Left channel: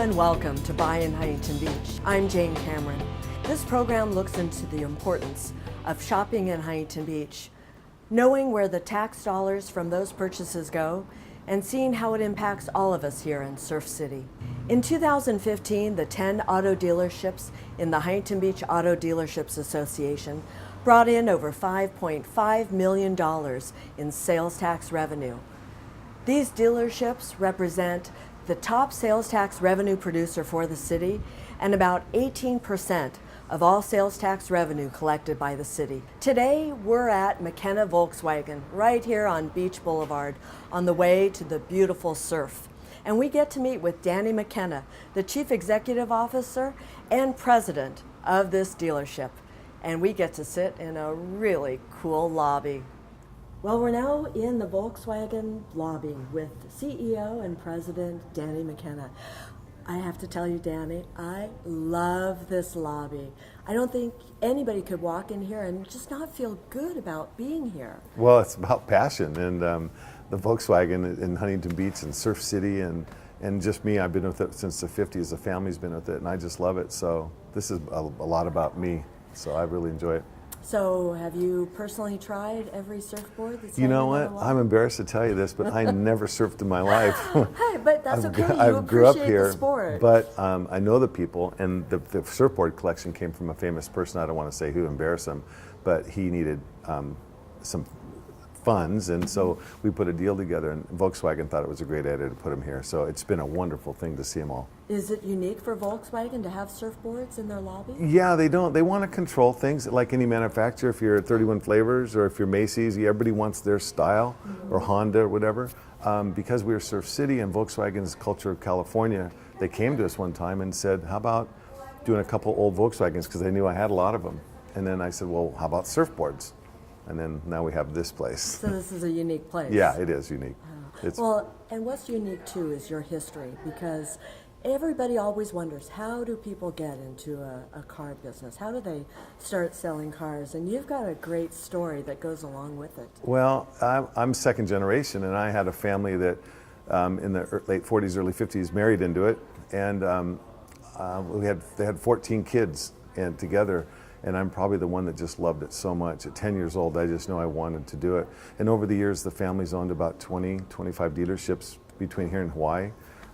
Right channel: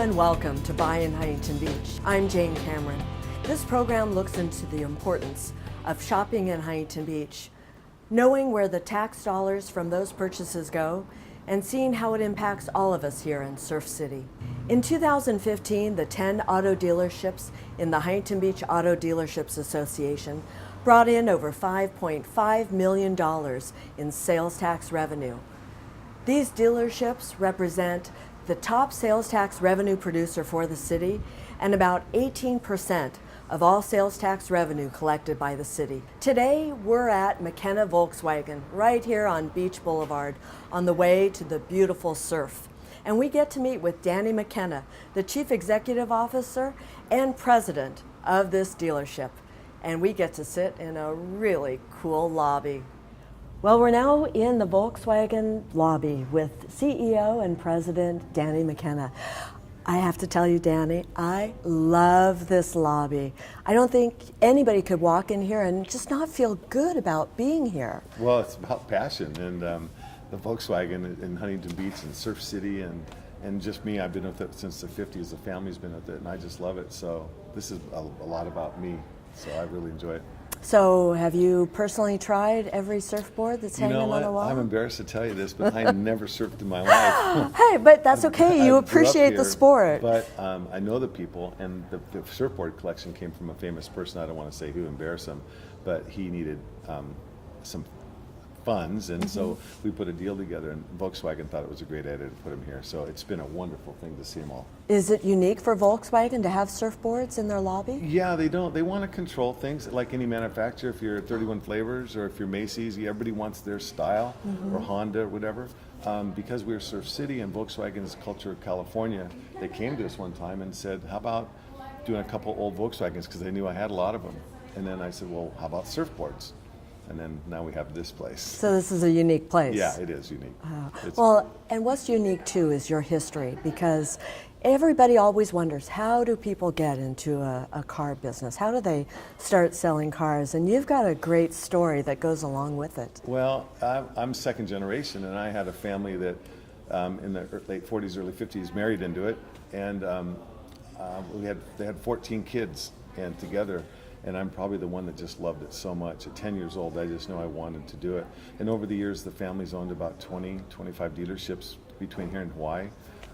and welcome to Buy in Huntington Beach. I'm Jane Cameron. This program looks into the importance of shopping in Huntington Beach, knowing where the tax dollars from those purchases go, and seeing how it impacts all of us here in Surf City. In 2015, the 10 auto dealerships in the Huntington Beach Auto Dealerships Association brought in over $5.5 million in sales tax revenue. These dealerships represent the top sales tax revenue producer for the city and about 18% of all sales tax revenue collected by the city. Today, we're at McKenna Volkswagen right here on Beach Boulevard on the way to the beautiful surf. And we get to meet with Danny McKenna, the Chief Executive Officer and President of this dealership. And we get to sit in a really cool lobby. Well, we're now in the Volkswagen lobby with CEO and President Danny McKenna. I have to tell you, Danny, I love this lobby. I don't think anybody could walk in here and just not feel good about being here. Well, it's about passion, and the Volkswagen in Huntington Beach and Surf City, and just me, I've been with it since the 50s. The family's been with it, and I just love it. So this is a lot about me, so I really enjoy it. So have you personally tried every surfboard that's hanging on the wall? I'm embarrassed to tell you this, but I never surfed in my life. Hey, but that's okay. You appreciate the sport. But I know the people, and the surfboard collection came from a famous person. I don't want to say who, embarrass him, but he needed some funds, and so we put a deal together, and Volkswagen thought it was a great idea to put them here. So it's been a wonderful thing to see them all. Is it unique for Volkswagen to have surfboards in their lobby? Yeah, they don't. They want to control things like any manufacturer. If you're at 31 Flavors or if you're Macy's, everybody wants their style, or Honda or whatever. Because we're Surf City and Volkswagen's culture of California, they came to us one time and said, how about doing a couple old Volkswagens, because they knew I had a lot of them. And then I said, well, how about surfboards? And then now we have this place. So this is a unique place. Yeah, it is unique. Well, and what's unique too is your history, because everybody always wonders, how do people get into a car business? How do they start selling cars? And you've got a great story that goes along with it. Well, I'm second generation, and I had a family that in the late 40s, early 50s married into it, and they had 14 kids and together. And I'm probably the one that just loved it so much. At 10 years old, I just knew I wanted to do it. And over the years, the family's owned about 20, 25 dealerships between here and Hawaii.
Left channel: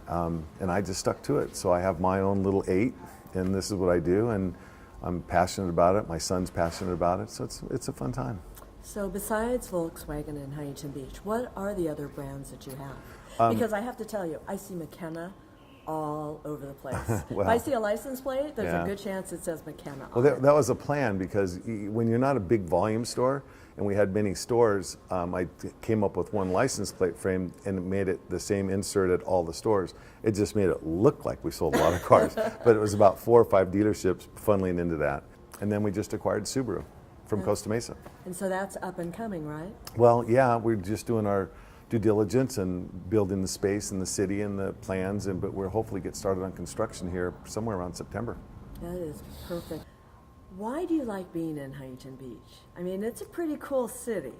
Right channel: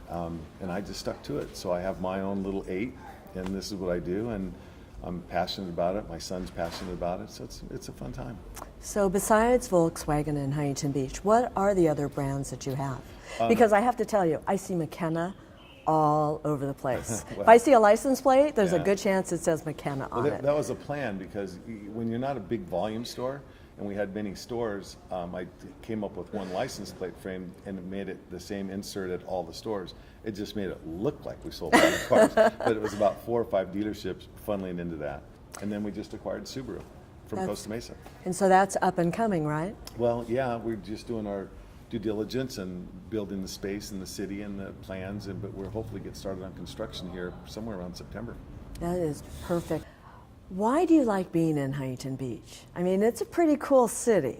And I just stuck to it. So I have my own little 8, and this is what I do. And I'm passionate about it. My son's passionate about it. So it's a fun time. So besides Volkswagen and Huntington Beach, what are the other brands that you have? Because I have to tell you, I see McKenna all over the place. Well, if I see a license plate, there's a good chance it says McKenna on it. That was a plan, because when you're not a big volume store, and we had many stores, I came up with one license plate frame and made it the same insert at all the stores. It just made it look like we sold a lot of cars, but it was about 4 or 5 dealerships funneling into that. And then we just acquired Subaru from Costa Mesa. And so that's up and coming, right? Well, yeah, we're just doing our due diligence and building the space in the city and the plans, but we'll hopefully get started on construction here somewhere around September. That is perfect. Why do you like being in Huntington Beach? I mean, it's a pretty cool city.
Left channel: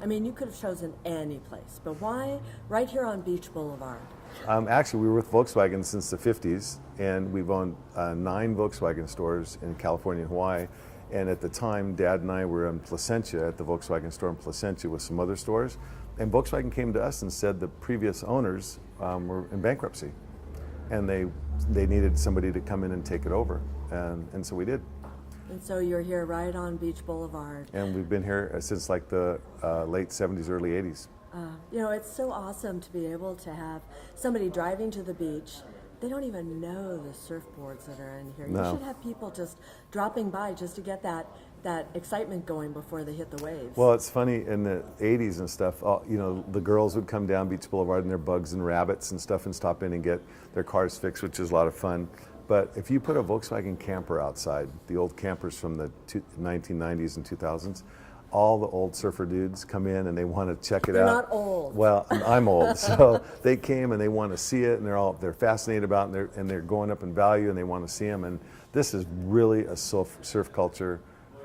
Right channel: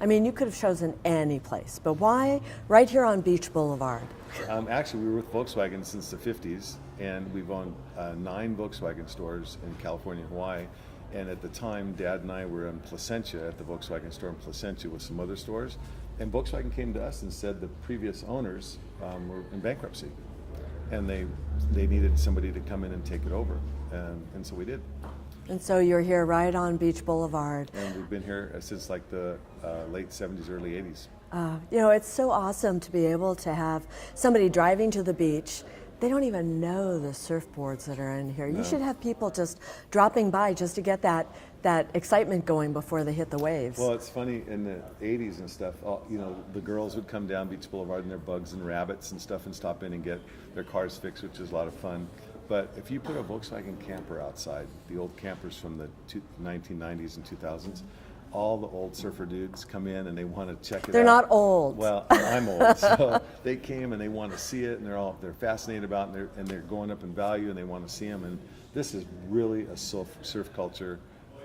I mean, you could have chosen any place, but why right here on Beach Boulevard? Actually, we were with Volkswagen since the 50s, and we've owned 9 Volkswagen stores in California and Hawaii. And at the time, Dad and I were in Placentia at the Volkswagen store in Placentia with some other stores. And Volkswagen came to us and said the previous owners were in bankruptcy, and they needed somebody to come in and take it over, and so we did. And so you're here right on Beach Boulevard. And we've been here since like the late 70s, early 80s. You know, it's so awesome to be able to have somebody driving to the beach. They don't even know the surfboards that are in here. No. You should have people just dropping by just to get that excitement going before they hit the waves. Well, it's funny, in the 80s and stuff, the girls would come down Beach Boulevard in their bugs and rabbits and stuff and stop in and get their cars fixed, which is a lot of fun. But if you put a Volkswagen camper outside, the old campers from the 1990s and 2000s, all the old surfer dudes come in and they want to check it out. They're not old. Well, I'm old, so they came and they want to see it, and they're fascinated about it, and they're going up in value, and they want to see them. And this is really a surf culture,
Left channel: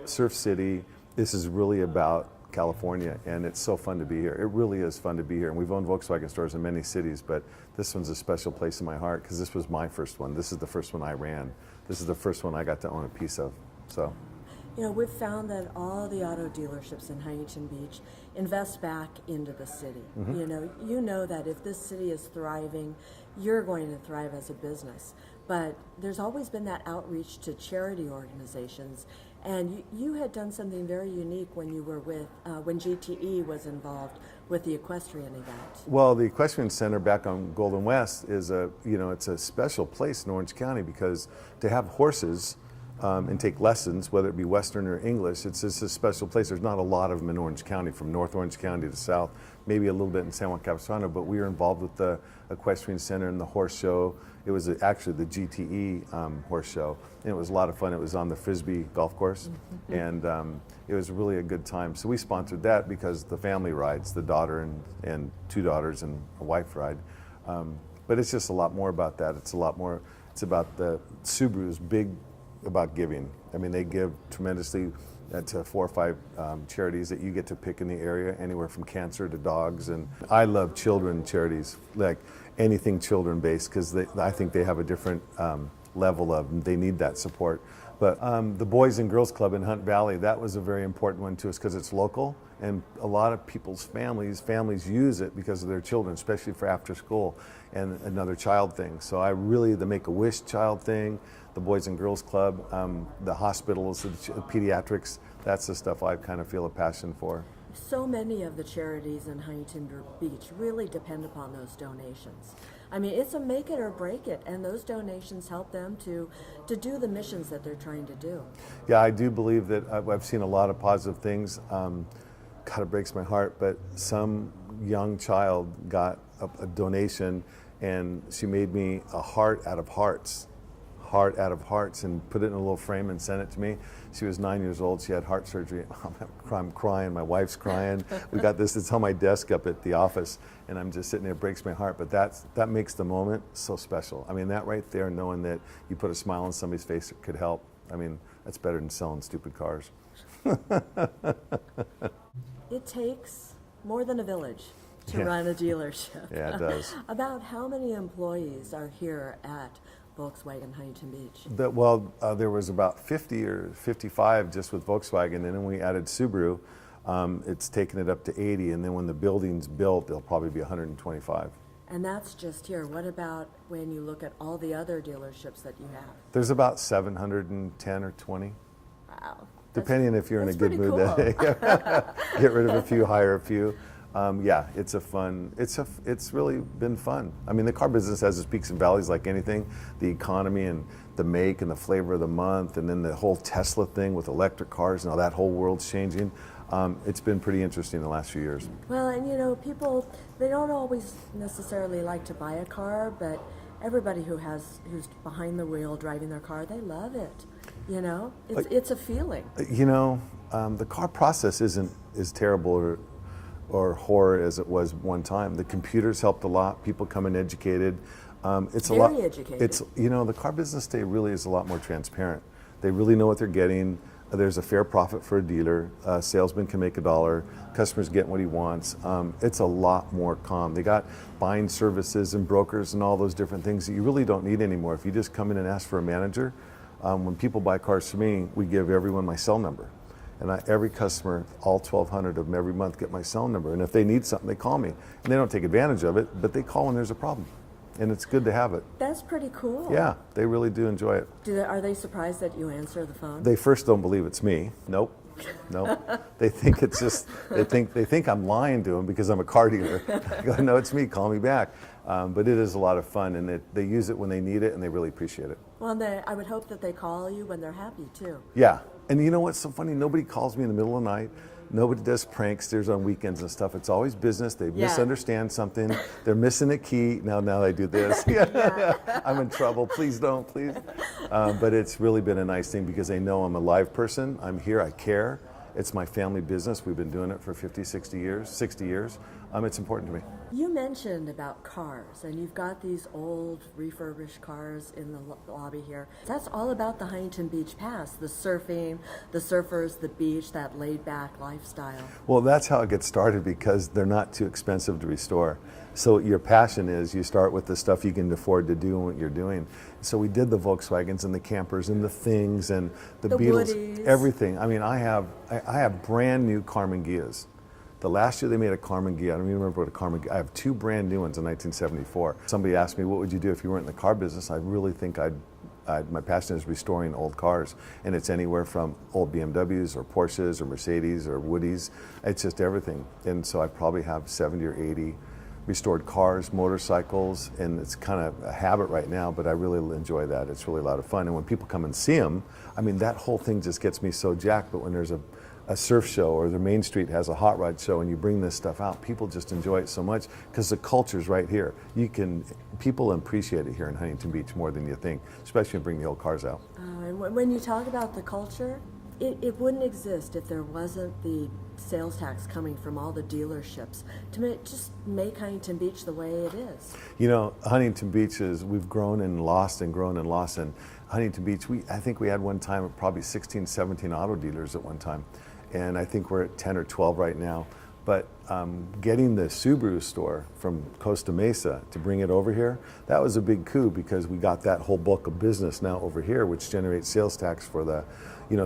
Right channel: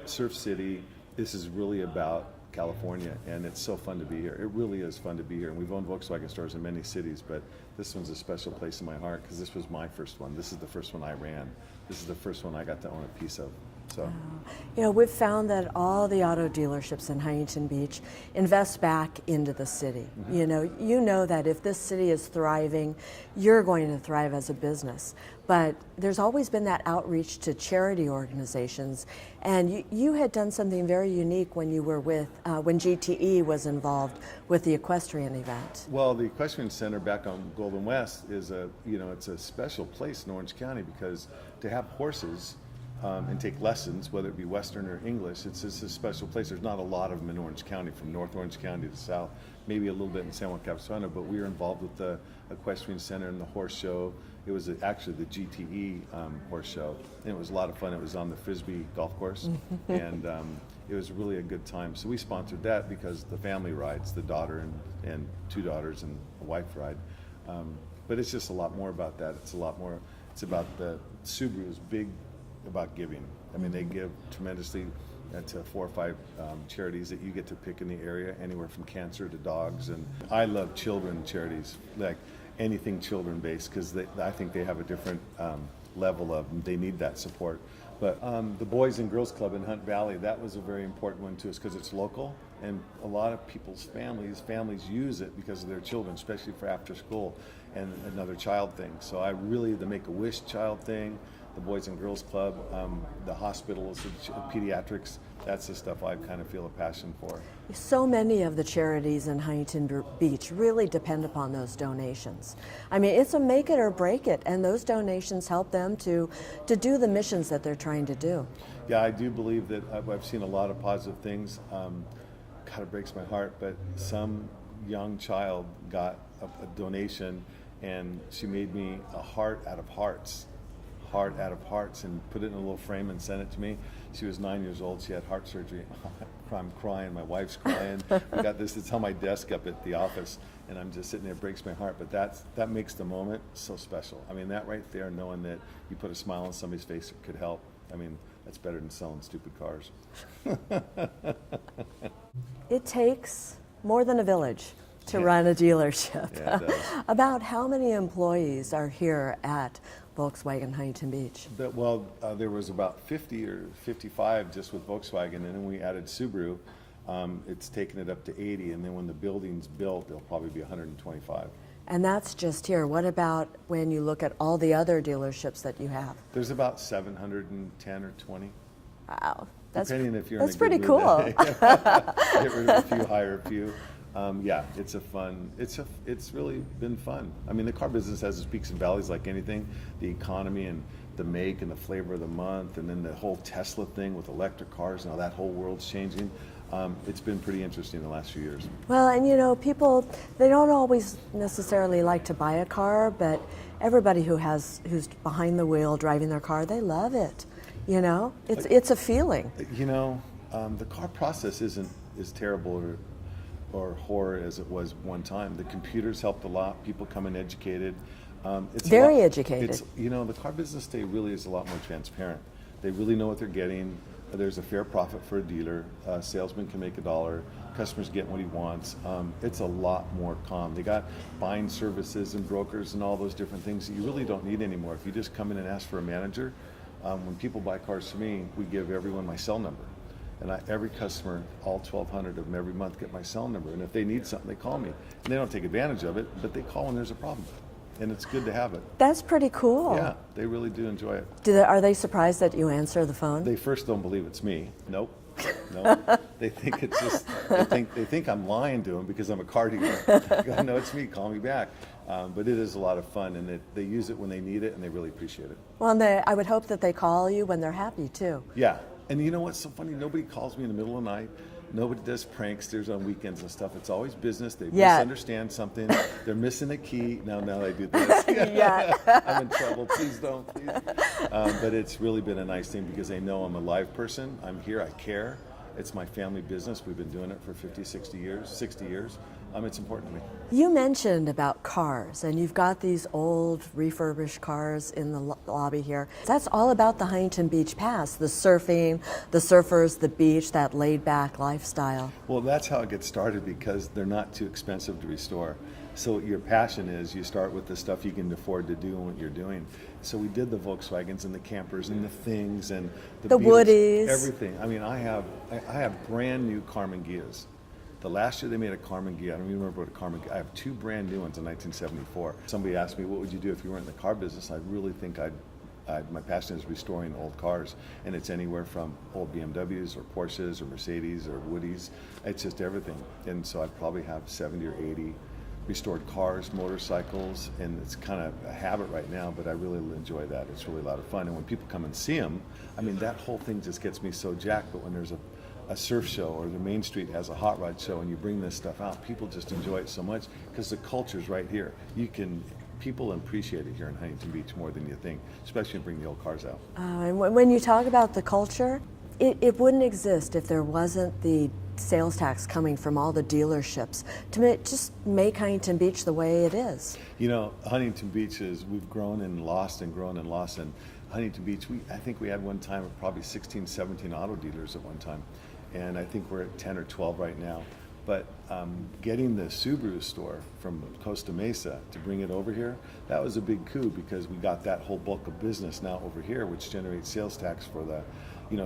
Surf City. This is really about California, and it's so fun to be here. It really is fun to be here. And we've owned Volkswagen stores in many cities, but this one's a special place in my heart because this was my first one. This is the first one I ran. This is the first one I got to own a piece of. So. You know, we've found that all the auto dealerships in Huntington Beach invest back into the city. Mm-hmm. You know that if this city is thriving, you're going to thrive as a business. But there's always been that outreach to charity organizations, and you had done something very unique when you were with when GTE was involved with the equestrian event. Well, the equestrian center back on Golden West is it's a special place in Orange County because to have horses. And take lessons, whether it be Western or English, it's just a special place. There's not a lot of them in Orange County, from North Orange County to South, maybe a little bit in San Juan Capistrano, but we were involved with the equestrian center and the horse show. It was actually the GTE horse show, and it was a lot of fun. It was on the Frisbee golf course, and it was really a good time. So we sponsored that because the family rides, the daughter and two daughters and a wife ride. But it's just a lot more about that. It's about the Subaru's big about giving. I mean, they give tremendously to 4 or 5 charities that you get to pick in the area, anywhere from cancer to dogs. And I love children charities, like anything children-based, because I think they have a different level of, they need that support. But the Boys and Girls Club in Hunt Valley, that was a very important one to us because it's local, and a lot of people's families use it because of their children, especially for after school and another child thing. So the Make-A-Wish child thing, the Boys and Girls Club, the hospitals, the pediatrics, that's the stuff I kind of feel a passion for. So many of the charities in Huntington Beach really depend upon those donations. I mean, it's a make it or break it, and those donations help them to do the missions that they're trying to do. Yeah, I do believe that I've seen a lot of positive things. God, it breaks my heart, but some young child got a donation, and she made me a heart out of hearts, and put it in a little frame and sent it to me. She was 9 years old. She had heart surgery. I'm crying. My wife's crying. We got this. It's on my desk up at the office, and I'm just sitting there. It breaks my heart. But that makes the moment so special. I mean, that right there, knowing that you put a smile on somebody's face that could help. I mean, that's better than selling stupid cars. It takes more than a village to run a dealership. Yeah, it does. About how many employees are here at Volkswagen Huntington Beach? There was about 50 or 55 just with Volkswagen, and then when we added Subaru, it's taken it up to 80, and then when the building's built, there'll probably be 125. And that's just here. What about when you look at all the other dealerships that you have? There's about 710 or 20. Wow. Depending on if you're in a good pretty mood cool. that day. Get rid of a few, hire a few. Yeah, it's really been fun. I mean, the car business has its peaks and valleys like anything. The economy and the make and the flavor of the month, and then the whole Tesla thing with electric cars, now that whole world's changing. It's been pretty interesting the last few years. Well, and people, they don't always necessarily like to buy a car, but everybody who's behind the wheel driving their car, they love it. It's a feeling. The car process isn't as terrible or horror as it was one time. The computers helped a lot. People come in educated. It's very educated. The car business today really is a lot more transparent. They really know what they're getting. There's a fair profit for a dealer. Salesman can make $1. Customers get what he wants. It's a lot more calm. They got buying services and brokers and all those different things that you really don't need anymore. If you just come in and ask for a manager, when people buy cars from me, we give everyone my cell number. And every customer, all 1,200 of them every month, get my cell number. And if they need something, they call me. And they don't take advantage of it, but they call when there's a problem. And it's good to have it. That's pretty cool. Yeah, they really do enjoy it. Are they surprised that you answer the phone? They first don't believe it's me. Nope. They think it's just, they think I'm lying to them because I'm a car dealer. I go, no, it's me, call me back. But it is a lot of fun, and they use it when they need it, and they really appreciate it. Well, and I would hope that they call you when they're happy, too. Yeah. And you know what's so funny? Nobody calls me in the middle of the night. Nobody does pranksters on weekends and stuff. It's always business. They misunderstand something. They're missing a key. Now I do this. I'm in trouble. Please don't, please. But it's really been a nice thing because they know I'm a live person. I'm here. I care. It's my family business. We've been doing it for 50, 60 years, 60 years. It's important to me. You mentioned about cars, and you've got these old refurbished cars in the lobby here. That's all about the Huntington Beach Pass, the surfing, the surfers, the beach, that laid-back lifestyle. Well, that's how it gets started because they're not too expensive to restore. So your passion is you start with the stuff you can afford to do and what you're doing. So we did the Volkswagens and the campers and the things and the Beetles, Woodies, everything. I mean, I have brand new Carmen Gias. The last year they made a Carmen Ghia. I don't even remember what a Carmen Ghia. I have two brand new ones in 1974. Somebody asked me, what would you do if you weren't in the car business? I really think my passion is restoring old cars, and it's anywhere from old BMWs or Porsches or Mercedes or Woodies. It's just everything. And so I probably have 70 or 80 restored cars, motorcycles, and it's kind of a habit right now, but I really enjoy that. It's really a lot of fun. And when people come and see them, I mean, that whole thing just gets me so jacked. But when there's a surf show or the Main Street has a hot rod show and you bring this stuff out, people just enjoy it so much because the culture's right here. People appreciate it here in Huntington Beach more than you think, especially when you bring the old cars out. And when you talk about the culture, it wouldn't exist if there wasn't the sales tax coming from all the dealerships to just make Huntington Beach the way it is. You know, Huntington Beach we've grown and lost and grown and lost. And Huntington Beach, I think we had one time probably 16, 17 auto dealers at one time. And I think we're at 10 or 12 right now. But getting the Subaru store from Costa Mesa to bring it over here, that was a big coup because we got that whole bulk of business now over here, which generates sales tax for the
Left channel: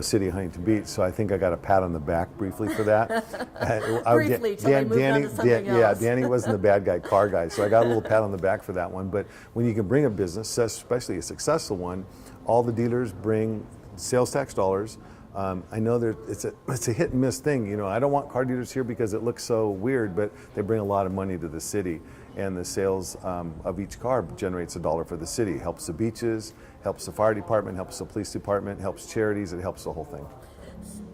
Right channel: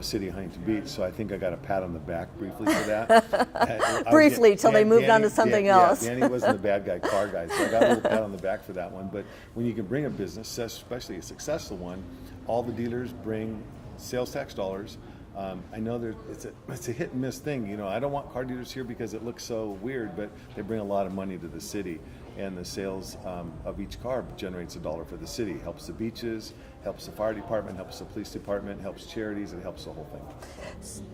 city of Huntington Beach. So I think I got a pat on the back briefly for that. Briefly, till they moved on to something else. Yeah, Danny wasn't the bad guy, car guy. So I got a little pat on the back for that one. But when you can bring a business, especially a successful one, all the dealers bring sales tax dollars. I know it's a hit and miss thing. I don't want car dealers here because it looks so weird, but they bring a lot of money to the city. And the sales of each car generates $1 for the city. Helps the beaches, helps the fire department, helps the police department, helps charities, it helps the whole thing.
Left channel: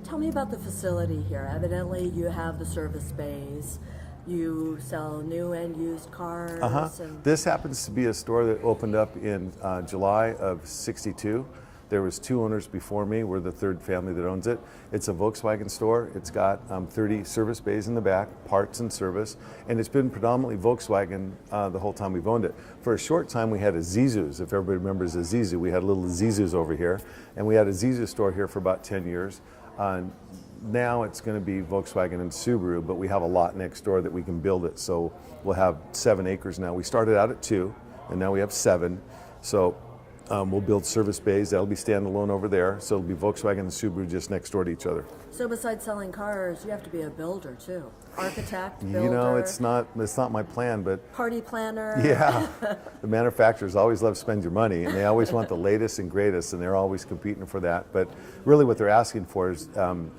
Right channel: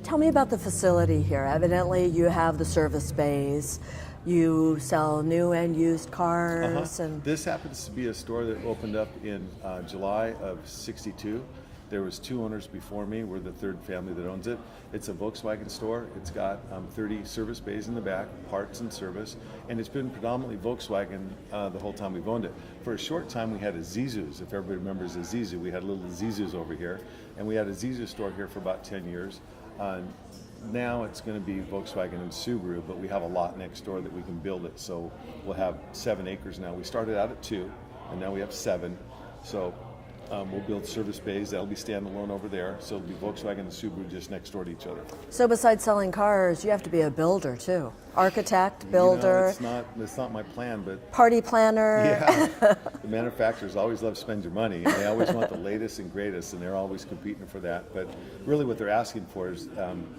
Tell me about the facility here. Evidently you have the service bays. You sell new and used cars. And this happens to be a store that opened up in July of '62. There was two owners before me. We're the third family that owns it. It's a Volkswagen store. It's got 30 service bays in the back, parts and service, and it's been predominantly Volkswagen the whole time we've owned it. For a short time, we had a Zizu's. If everybody remembers a Zizu, we had a little Zizu's over here, and we had a Zizu store here for about 10 years. Now it's going to be Volkswagen and Subaru, but we have a lot next door that we can build it. So we'll have 7 acres now. We started out at 2, and now we have 7. So we'll build service bays. That'll be standalone over there. So it'll be Volkswagen and Subaru just next door to each other. So besides selling cars, you have to be a builder too. Architect, builder. It's not my plan, but party planner. Yeah. The manufacturers always love to spend your money, and they always want the latest and greatest, and they're always competing for that. But really what they're asking for is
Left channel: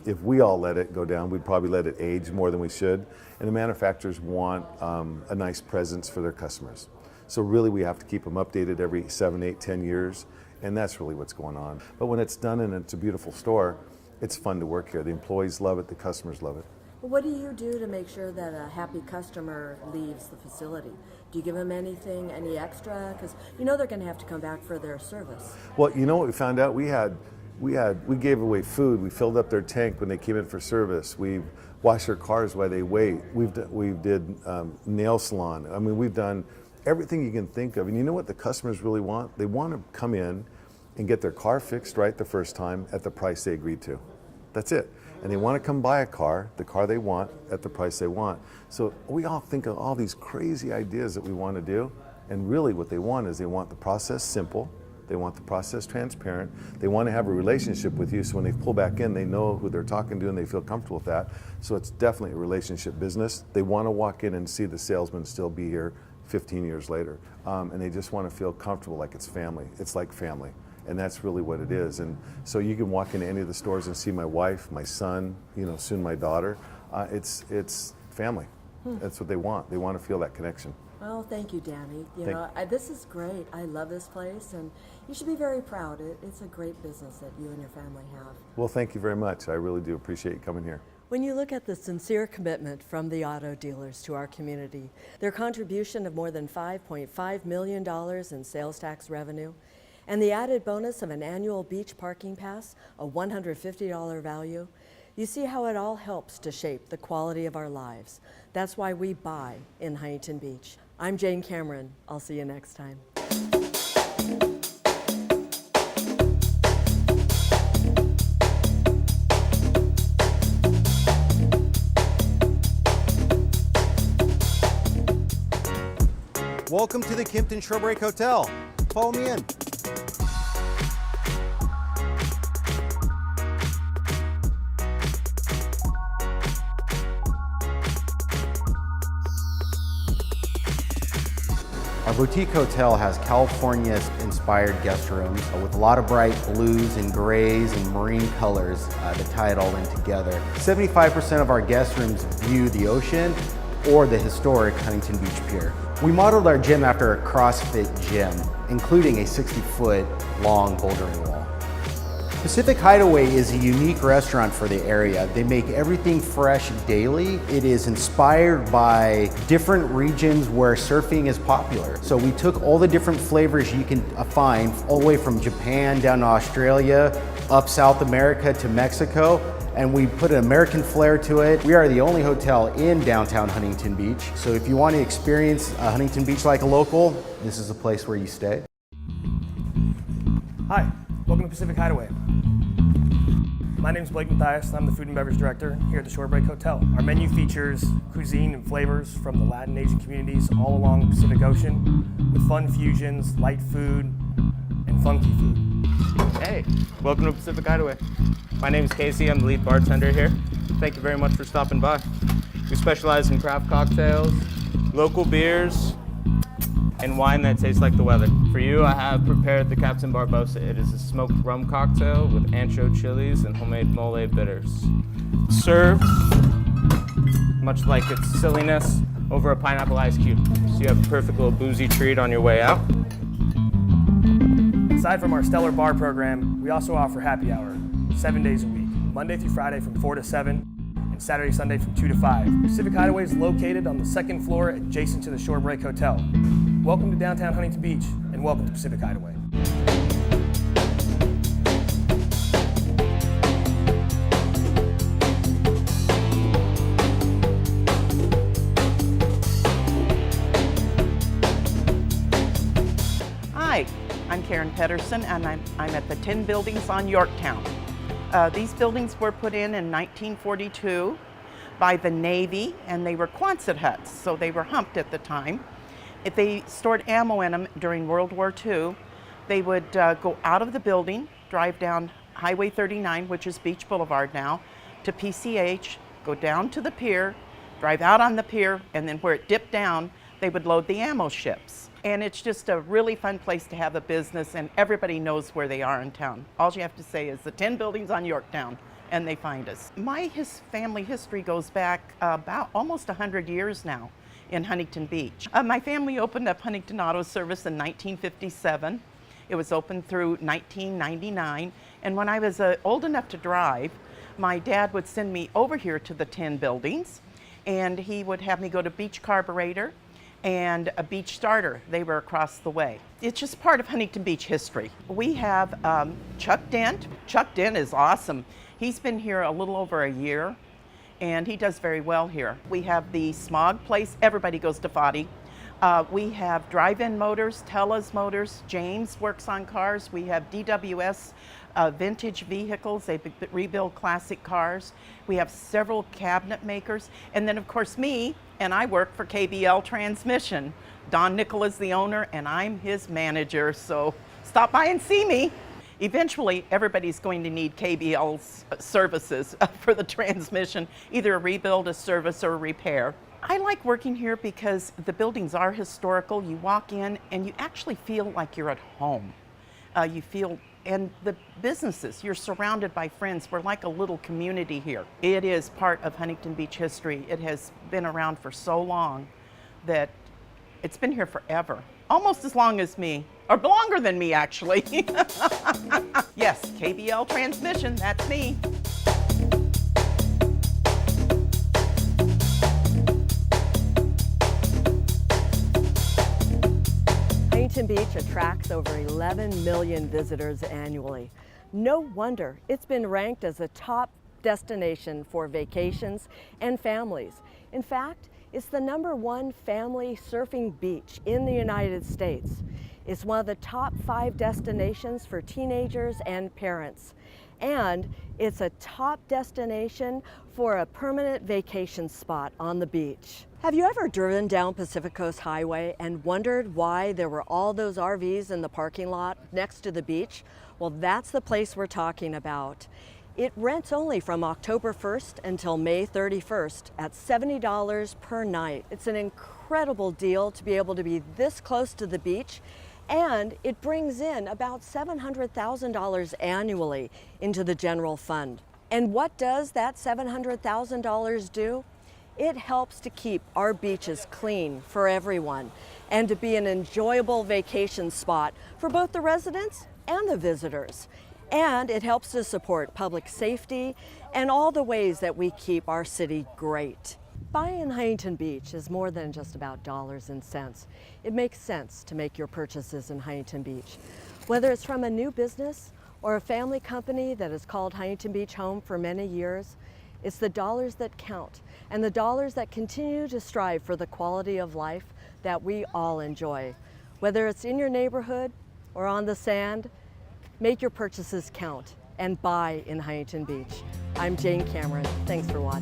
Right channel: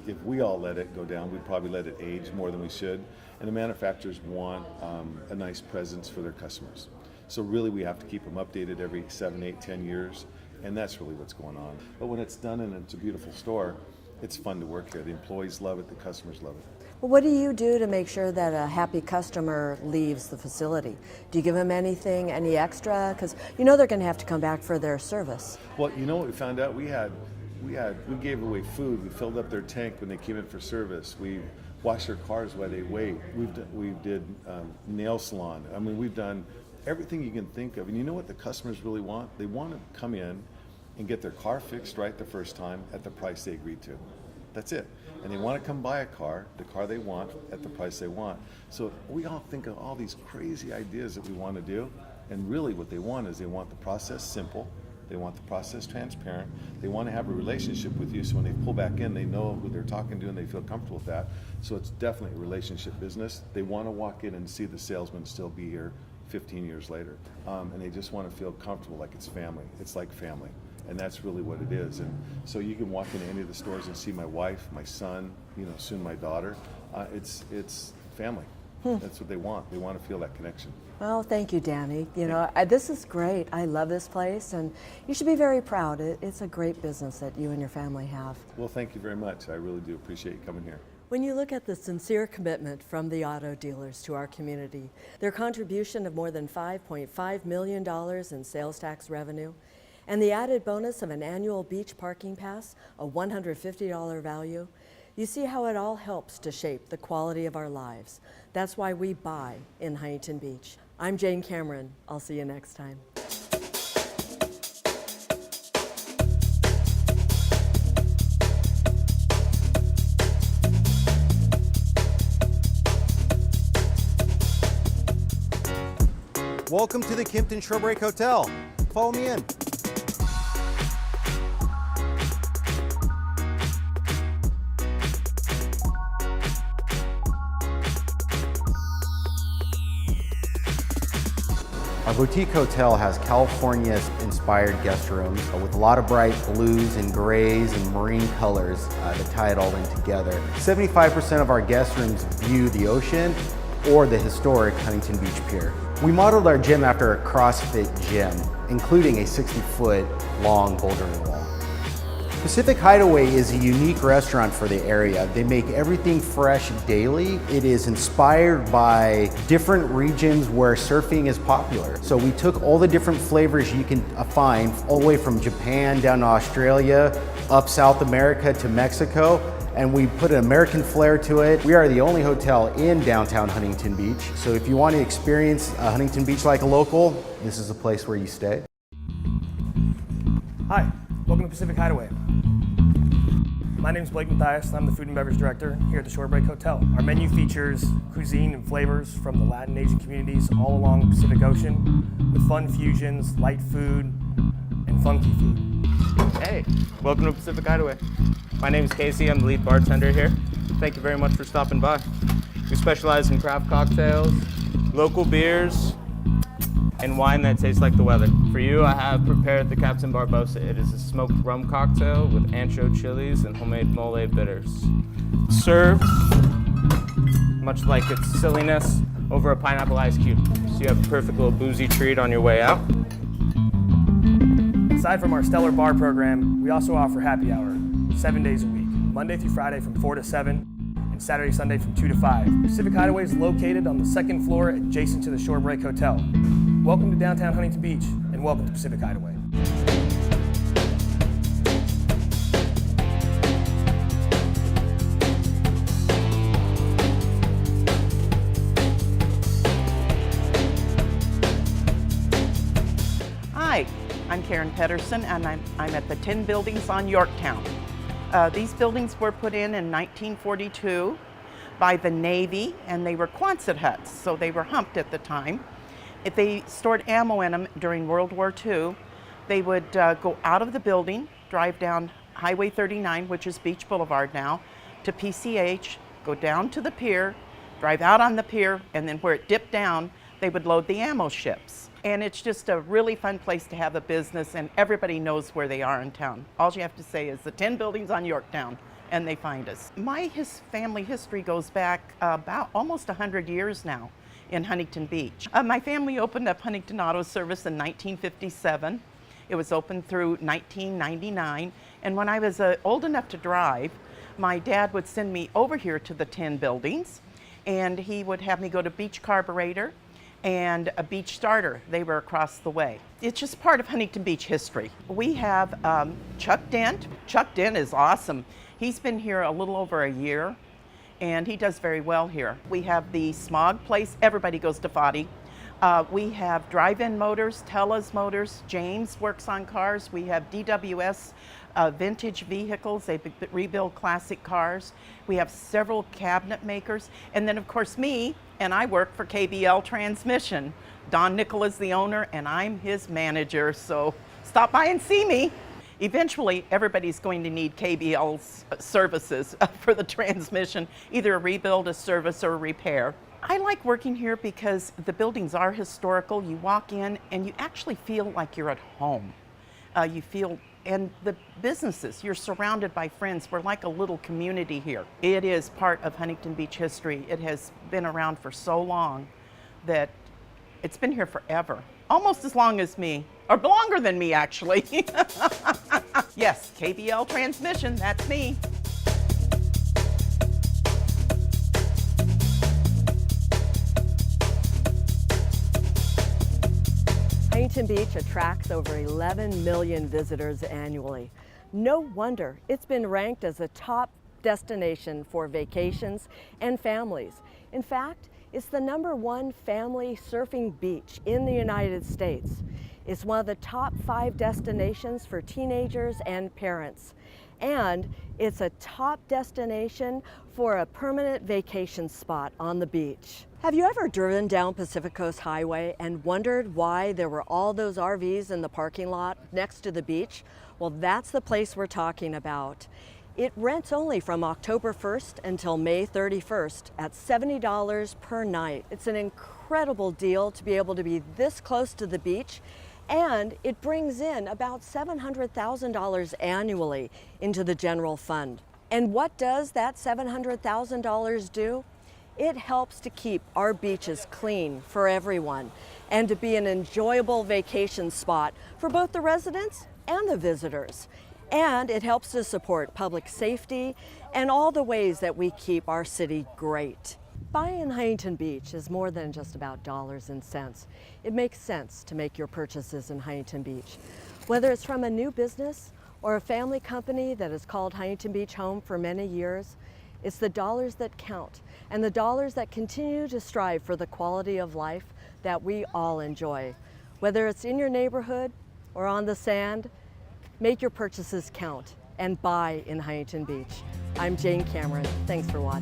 if we all let it go down, we'd probably let it age more than we should. And the manufacturers want a nice presence for their customers. So really we have to keep them updated every 7, 8, 10 years, and that's really what's going on. But when it's done and it's a beautiful store, it's fun to work here. The employees love it, the customers love it. Well, what do you do to make sure that a happy customer leaves the facility? Do you give them anything, any extra? Because they're going to have to come back for their service. Well, what we found out? We gave away food. We filled up their tank when they came in for service. We washed their cars while they wait. We did nail salon. I mean, we've done everything you can think of. And you know what the customers really want? They want to come in and get their car fixed right the first time at the price they agreed to. That's it. And they want to come buy the car they want at the price they want. So we all think of all these crazy ideas that we want to do. And really what they want is they want the process simple. They want the process transparent. They want to have a relationship with you, so when they pull back in, they know who they're talking to and they feel comfortable with that. So it's definitely a relationship business. They want to walk in and see the salesman still be here 15 years later. And they just want to feel comfortable like it's family. It's like family. And that's really what it is. And so you can walk into any of the stores and see my wife, my son, soon my daughter. It's family. That's what they want. They want to feel that connection. Well, thank you, Danny. This is great. I love this place, and you should be very proud. It's a great business that you and your family have. Well, thank you very much. I really do appreciate you coming here. When you look at the sincere commitment from the auto dealers to our community, their contribution of more than $5.5 million in sales tax revenue, and the added bonus of an annual beach parking pass, a $150 value, You see how it all helps to shape the quality of our lives. That's why we buy in Huntington Beach. I'm Jane Cameron. I'll see you next time. Welcome to the Kimpton Shorebreak Hotel. Follow me in. Our boutique hotel has California-inspired guest rooms with a lot of bright blues and grays and marine colors that tie it all in together. 75% of our guest rooms view the ocean or the historic Huntington Beach Pier. We modeled our gym after a CrossFit gym, including a 60-foot long bouldering wall. Pacific Hideaway is a unique restaurant for the area. They make everything fresh daily. It is inspired by different regions where surfing is popular. So we took all the different flavors you can find, all the way from Japan down to Australia, up South America to Mexico, and we put an American flair to it. We are the only hotel in downtown Huntington Beach. So if you want to experience Huntington Beach like a local, this is a place where you stay. Hi, welcome to Pacific Hideaway. My name is Blake Mathias, and I'm the Food and Beverage Director here at the Shorebreak Hotel. Our menu features cuisine and flavors from the Latin Asian communities all along the Pacific Ocean, with fun fusions, light food, and funky food. Hey, welcome to Pacific Hideaway. My name is Casey, I'm the lead bartender here. Thank you very much for stopping by. We specialize in craft cocktails, local beers, and wine that tastes like the weather. For you, I have prepared the Captain Barbosa. It is a smoked rum cocktail with ancho chilies and homemade mole bitters. Served, much like its silliness, over a pineapple ice cube. So you have a perfect little boozy treat on your way out. Aside from our stellar bar program, we also offer happy hour 7 days a week, Monday through Friday from 4 to 7, and Saturday, Sunday from 2 to 5. Pacific Hideaway is located on the second floor adjacent to the Shorebreak Hotel. Welcome to downtown Huntington Beach, and welcome to Pacific Hideaway. Hi, I'm Karen Pedersen, and I'm at the 10 buildings on Yorktown. These buildings were put in 1942 by the Navy, and they were Quonset huts, so they were humped at the time. If they stored ammo in them during World War II, they would go out of the building, drive down Highway 39, which is Beach Boulevard now, to PCH, go down to the pier, drive out on the pier, and then where it dipped down, they would load the ammo ships. And it's just a really fun place to have a business, and everybody knows where they are in town. All you have to say is the 10 buildings on Yorktown, and they find us. My family history goes back about almost 100 years now in Huntington Beach. My family opened up Huntington Auto Service in 1957. It was open through 1999, and when I was old enough to drive, my dad would send me over here to the 10 buildings, and he would have me go to Beach Carburetor and a Beach Starter. They were across the way. It's just part of Huntington Beach history. We have Chuck Dent. Chuck Dent is awesome. He's been here a little over a year, and he does very well here. We have the Smog place. Everybody goes to Foddy. We have Drive-In Motors, Tella's Motors. James works on cars. We have DWS vintage vehicles. They rebuild classic cars. We have several cabinet makers. And then, of course, me, and I work for KBL Transmission. Don Nickel is the owner, and I'm his manager, so stop by and see me. Eventually, everybody's going to need KBL's services for the transmission, either a rebuild, a service, or a repair. I like working here because the buildings are historical. You walk in and you actually feel like you're at home. And the businesses, you're surrounded by friends. We're like a little community here. It is part of Huntington Beach history. It has been around for so long that it's been here forever. Almost as long as me, or longer than me actually. Yes, KBL Transmission, that's me. Huntington Beach attracts over 11 million visitors annually. No wonder it's been ranked as a top destination for vacations and families. In fact, it's the #1 family surfing beach in the United States. It's one of the top 5 destinations for teenagers and parents. And it's a top destination for a permanent vacation spot on the beach. Have you ever driven down Pacific Coast Highway and wondered why there were all those RVs in the parking lot next to the beach? Well, that's the place we're talking about. It rents only from October 1st until May 31st at $70 per night. It's an incredible deal to be able to be this close to the beach, and it brings in about $700,000 annually into the general fund. And what does that $700,000 do? It helps to keep our beaches clean for everyone and to be an enjoyable vacation spot for both the residents and the visitors. And it helps to support public safety and all the ways that we keep our city great. Buying Huntington Beach is more than just about dollars and cents. It makes sense to make your purchases in Huntington Beach. Whether it's from a new business or a family company that has called Huntington Beach home for many years, it's the dollars that count and the dollars that continue to strive for the quality of life that we all enjoy. Whether it's in your neighborhood or on the sand, make your purchases count and buy in Huntington Beach. I'm Jane Cameron. Thanks for watching.